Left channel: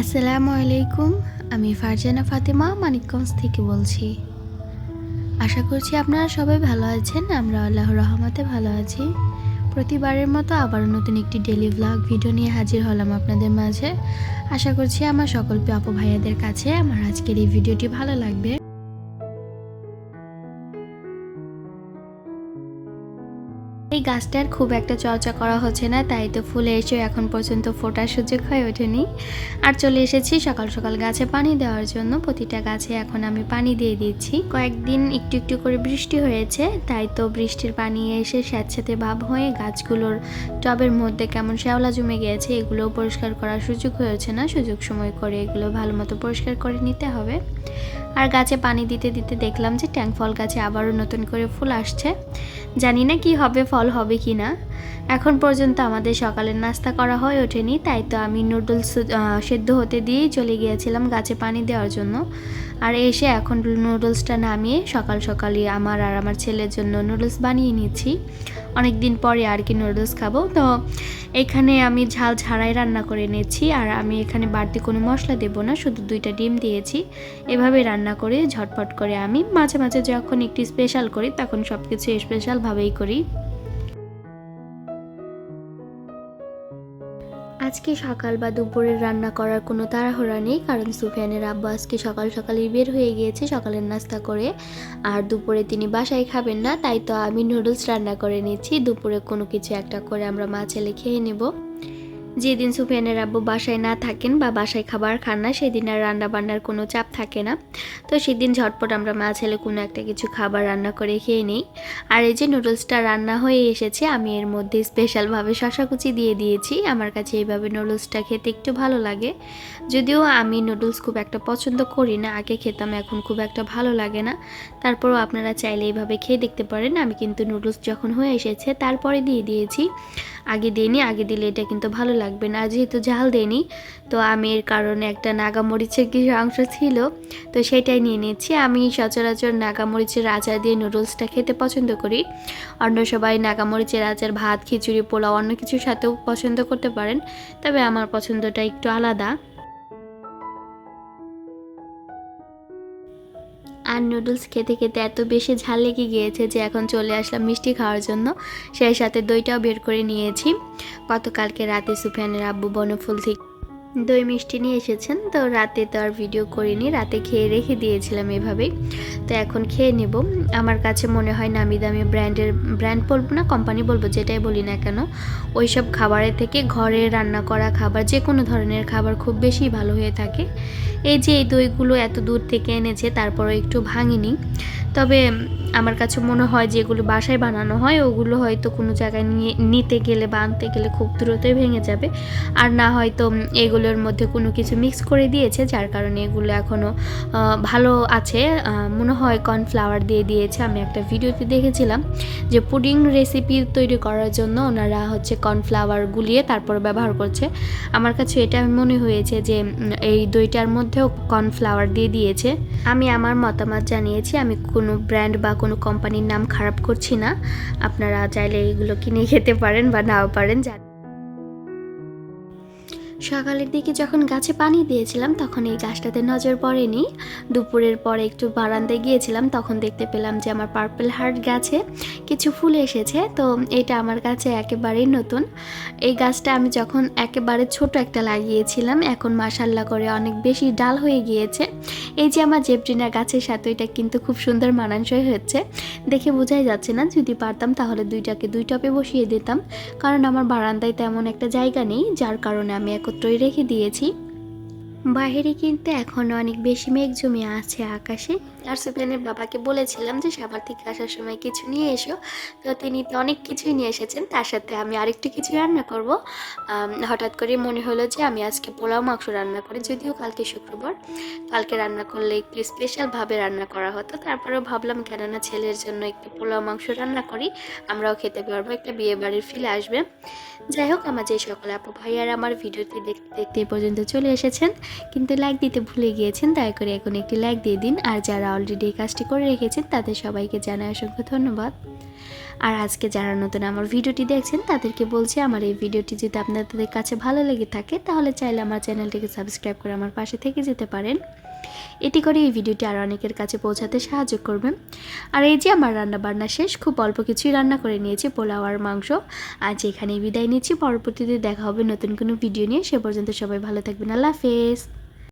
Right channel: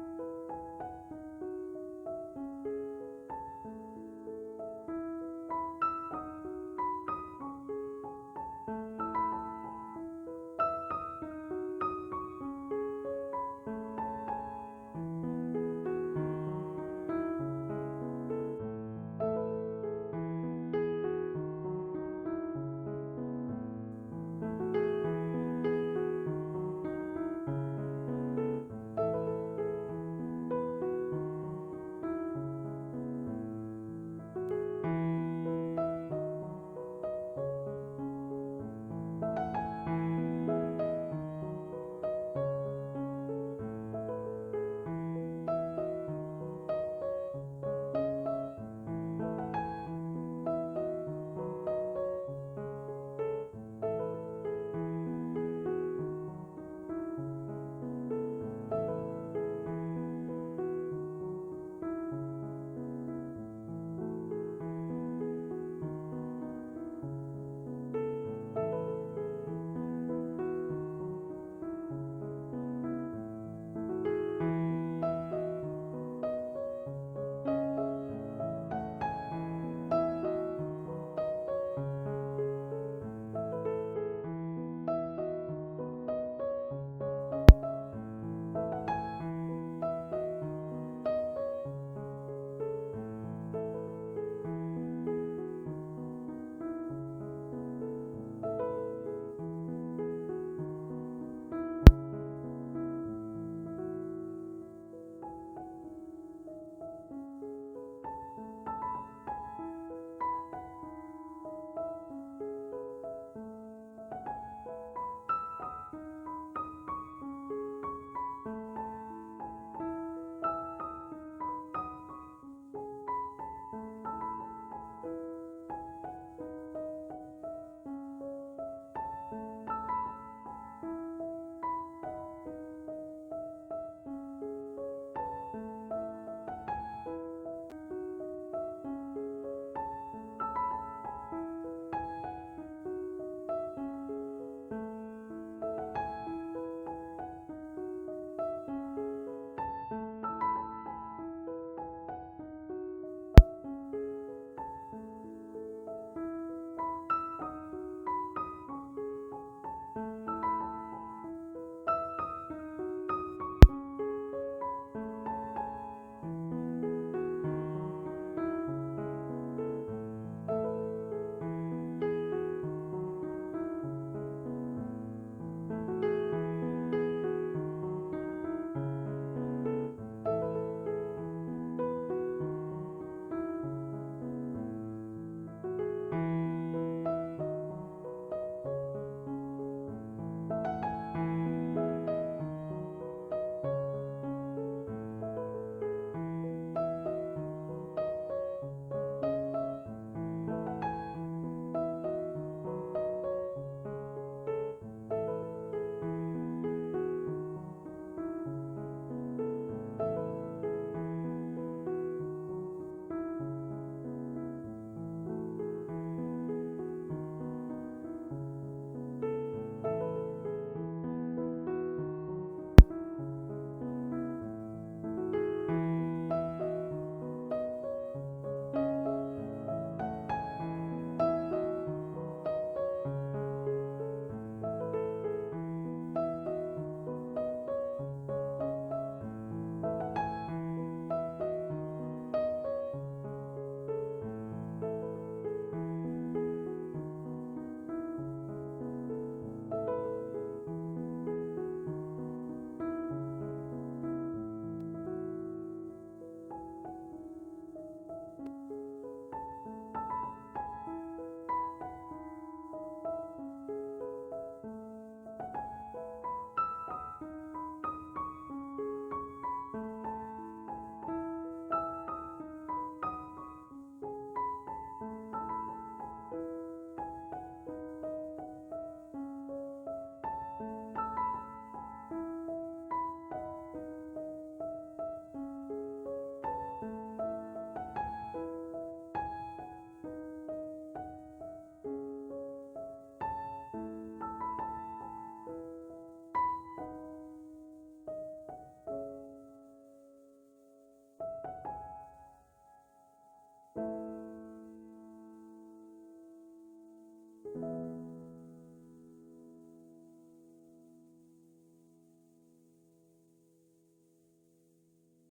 আসসালামু আলাইকুম, আমি ফারজানা ফাতেমা মানিকগঞ্জ থেকে বলছি। আশা করছি আপনারা সবাই ভালো আছেন, আমরা আল্লাহর রহমতে ভালো আছি। প্রতিবারের মতো আবার নতুন একটি ডেলি ব্লগ ভিডিও নিয়ে হাজির হলাম আপনাদের মাঝে। আশা করছি আমার সকল আপু ভাইয়াদের কাছে আমার আজকের এই ভিডিওটি ভালো লাগবে। এই গাছটার খুব একটা চর্চা করা হচ্ছে না, তাই তো ফুলে এসেও এখন পর্যন্ত ফোটার সুযোগ হয়ে ওঠেনি। আর চলে এসেছি সকাল সকাল গাছে পানি দেওয়ার জন্য। প্রতিটা গাছে এখন আমি পানি দিয়ে দিচ্ছি। কয়েকদিন একটু একটু করে বৃষ্টি হয়েছে, তাই তো বৃষ্টির পানি এসে স্যাঁতস্যাঁতে ভাব হয়ে গাছগুলোর টবের মধ্যে কেমন শ্যাওলা জমে গিয়েছে এগুলো পরিষ্কার করার সুযোগ হয়েছে না। সুযোগ সময় করে এগুলো ভালো মতো পরিষ্কার করে নিতে হবে। আর গাছে পানি দিতে দিতে দেখলাম যে ট্যাঙ্ক ফল গাছে আবারও নতুন করে ফুল আসছে। জানি না কি হবে ফল হবে কি না? এখন পর্যন্ত আমাদের সকালের নাস্তা করা হয়ে ওঠেনি, তাই তো আমি নুডলস সেদ্ধ হতে দিয়েই চলে গিয়েছিলাম গাছে পানি দেওয়ার জন্য। আর এসে এখন নুডলসটা নামিয়ে সকাল সকালই আমার আর আমার ছেলের জন্য নুডলস বানিয়ে নিচ্ছি। অনেক দিন পরে আর কি নুডলস খাব। তো এখানে আমি ঝাল ছাড়াই রান্না করে নিচ্ছি, আর আমি এখানে বাড়তি কোনো মশলা দেবো না, শুধু দুইটা ডিম দিয়েছি। এভাবে রান্না করে ঝটপট করে আমি মাঝে মাঝে যখন একটু স্পেশাল করি, তখন সব কিছু স্পেশালভাবেই করি। আজকে সকাল বা দুপুরের রান্না করার কোনো তাড়াহড়া নেই, কারণ সুফিয়ানের আব্বু আজকে সকাল সকালই বের হয়ে গিয়েছে সকালের নাস্তা করে। আর দুপুরে তিনি বাসায় খাবেন না, তাই তো আমি নুডলস রান্না করে নিচ্ছি। দুপুরে কোনো কিছু একটা করে আমরা মা ছেলে খেয়ে নেব। যেদিন সুফিয়ানের আব্বু বাসায় না থাকেন বা বাসায় খাবার খান না, সেদিন আর রান্না বান্নার কোনো চাপ থাকে না। তো সেদিন ঝটপট আমরা মা ছেলে কোনো একটা কিছু খাবার রান্না করে খেয়ে নিই। আর এই যে নুডলসটা রান্না হয়ে এসেছে, আমি এর মধ্যে স্পেশালভাবে শশা কুচি দিয়ে দিয়েছি। আমার কাছে এইভাবে নুডলসটা খেতে একটু ভালো লাগে। যদিও আমি নুডলস খুব একটা পছন্দ করি না, আগে খেতাম, এখন খুব একটা ভালো লাগে না। তারপরও আপনারা চাইলে এইভাবে খেয়ে দেখতে পারেন। আমি কিন্তু নুডলস যখন হয়ে এসেছে, তারপরে দিয়ে দিয়েছি। আগে দিইনি, আগে দিলে এটা কিন্তু ভালো লাগবে না। যেহেতু ঝাল দেনি তো আমি এর কারণে একটা নাগামরিচের কিছু অংশ ছিল, তো সেটাই নিয়ে নিচ্ছি আমি সচরাচর নাগামরিচের আচার দিয়ে নুডলসটা খেতে পছন্দ করি। অন্য সবাই নাগামরিচের আচার, ভাত, খিচুড়ি, পোলাও অন্য কিছুর সাথেও পছন্দ করতে পারেন, তবে আমার পছন্দটা একটু আলাদা। আর নুডলস খেতে খেতে এত বেশি ঝাল লেগে গিয়েছে যে এখন চলে আসলাম মিষ্টি খাওয়ার জন্য। সেই সাথে দইটাও বের করে নিয়েছি। গতকালকে রাতে সুফিয়ানের আব্বু বনফুল থেকে দই মিষ্টি নিয়ে এসেছেন, তো রাতে তো আর ভিডিও করিনি, রাতে খেয়ে রেখে দিয়েছিলাম এভাবেই। তো এখন খেয়ে নেব। আমার কাছে মনে হয় নামি দামি ব্র্যান্ডের, ব্র্যান্ড বলব না কোম্পানি বলব, যেটাই বলি না কেন ওই সব খাবারের থেকে ঘরে রান্না করা খাবার যে কোনো ধরনের খাবার খুব বেশি ভালো হয়ে থাকে। এই যে এই দইগুলো এত দূর থেকে এনেছে, তারপরও একটু ভাঙিনি। তবে আমার কাছে মনে হয় যেগুলো বাসায় বানানো হয়, ওগুলো হয়তো কোনো জায়গায় নিয়ে, নিতে গেলে বা আনতে গেলে খুব দ্রুতই ভেঙে যাবে। আর না হয়তো এগুলোর মধ্যে কোনো কিছু মিক্স করে দিয়েছে, যার কারণে এগুলো এখনও ভালো আছে। মনে হয় কর্নফ্লাওয়ার দিয়ে দিয়েছে। আমি একটা ভিডিওতে দেখেছিলাম যে পুডিং রেসিপি তৈরি করার জন্য ওনারা হচ্ছে কর্নফ্লাওয়ার গুলিয়ে তারপর ব্যবহার করছে। আমার কাছে এটা মনে হয়েছে যে এই দইটার মধ্যেও কর্নফ্লাওয়ার দিয়ে দিয়েছে। আমি আমার মতামত জানিয়েছি। আমি কোনো ব্র্যান্ড বা কোনো কোম্পানির নাম খারাপ করছি না। আপনারা চাইলে এগুলো কিনে খেতে পারেন বা নাও পারেন, জানি। সকালের দিকে যখন গাছে পানি দিয়েছিলাম, তখন এই গাছটাতে নজর পড়েনি। দুপুরের পরে একটু বারান্দায় গিয়েছিলাম, তখন দেখতে পেলাম যে আমার পার্পল হার্ট গাছে কিছু ফুল এসেছে। তো এটা আমার কাছে একেবারেই নতুন। এই গাছটা আমি যখন একেবারে ছোট একটা লাগিয়েছিলাম, এখন মাসাল্লা করে অনেক বেশি ডাল হয়ে গিয়েছে। এই যে আমার জেবরিনা গাছের সাথে, এটা কিন্তু খুব সুন্দর মানানসই হয়েছে দেখে বোঝাই যাচ্ছে না, যদি পারতাম তাহলে দুইটাকে দুই টপে বসিয়ে দিতাম। কারণ আমার বারান্দায় তেমন একটা জায়গা নেই, যার কারণে আমি একত্রই রেখে দিয়েছি। বাইরে কিন্তু এখনও অনেক বেশি মেঘ জমে আছে আকাশে। আর সুফিয়ানের বাবাকে বলেছিলাম যে সাভার থেকে আসার সময় কিছু নিয়ে এসো। তো তিনি তো অনেক কিছুই নিয়ে এসেছেন, তার সাথে আমি আরেকটু কিছু রান্না করব। হঠাৎ করে মনে হলো যে আমি আজকে পোলাও মাংস রান্না করি, যদিও কালকে শুক্রবার। কালকে রান্না করলে একটু স্পেশালভাবে রান্না করা হতো, তারপরেও ভাবলাম কেননা ছেলের জন্য একটু পোলাও মাংস রান্না করি, আমরাও খেতে পারব, একটা বিয়ে বাড়ির ফিলে আসবে। যাই হোক, আমার যে সকল আপু ভাইয়ার আমার ভিডিওটি দেখতে দেখতে পর্যন্ত চলে এসেছেন। কিন্তু লাইক দিতে ভুলে গিয়েছেন, দয়া করে এখন একটি লাইক দিয়ে দিন। আর যারা অলরেডি এই কাজটি করে রেখেছেন, তাদের সবাইকে জানাই অসংখ্য ধন্যবাদ। আর আজকে যারা নতুন আমার ভিডিওটি দেখছেন, তাদেরকে বলছি আমার এই ভিডিওটি যদি আপনাদের কাছে ভালো লেগে থাকে, তাহলে চাইলে আমার চ্যানেলটিকে সাবস্ক্রাইব করে আমার পাশে থেকে যেতে পারেন। এটি করে এই ভিডিওটি আর অনেকের কাছে পৌঁছাতে সাহায্য করবেন আর এই যে আমার রান্না বান্না শেষ, খুব অল্প কিছুই রান্না করে নিয়েছি, পোলাও আর মাংস। আজ এখানেই বিদায় নিচ্ছি, পরবর্তীতে দেখা হবে নতুন কোনো ভিডিও নিয়ে। সে পর্যন্ত সবাই ভালো থাকবেন। আল্লাহ হাফেজ।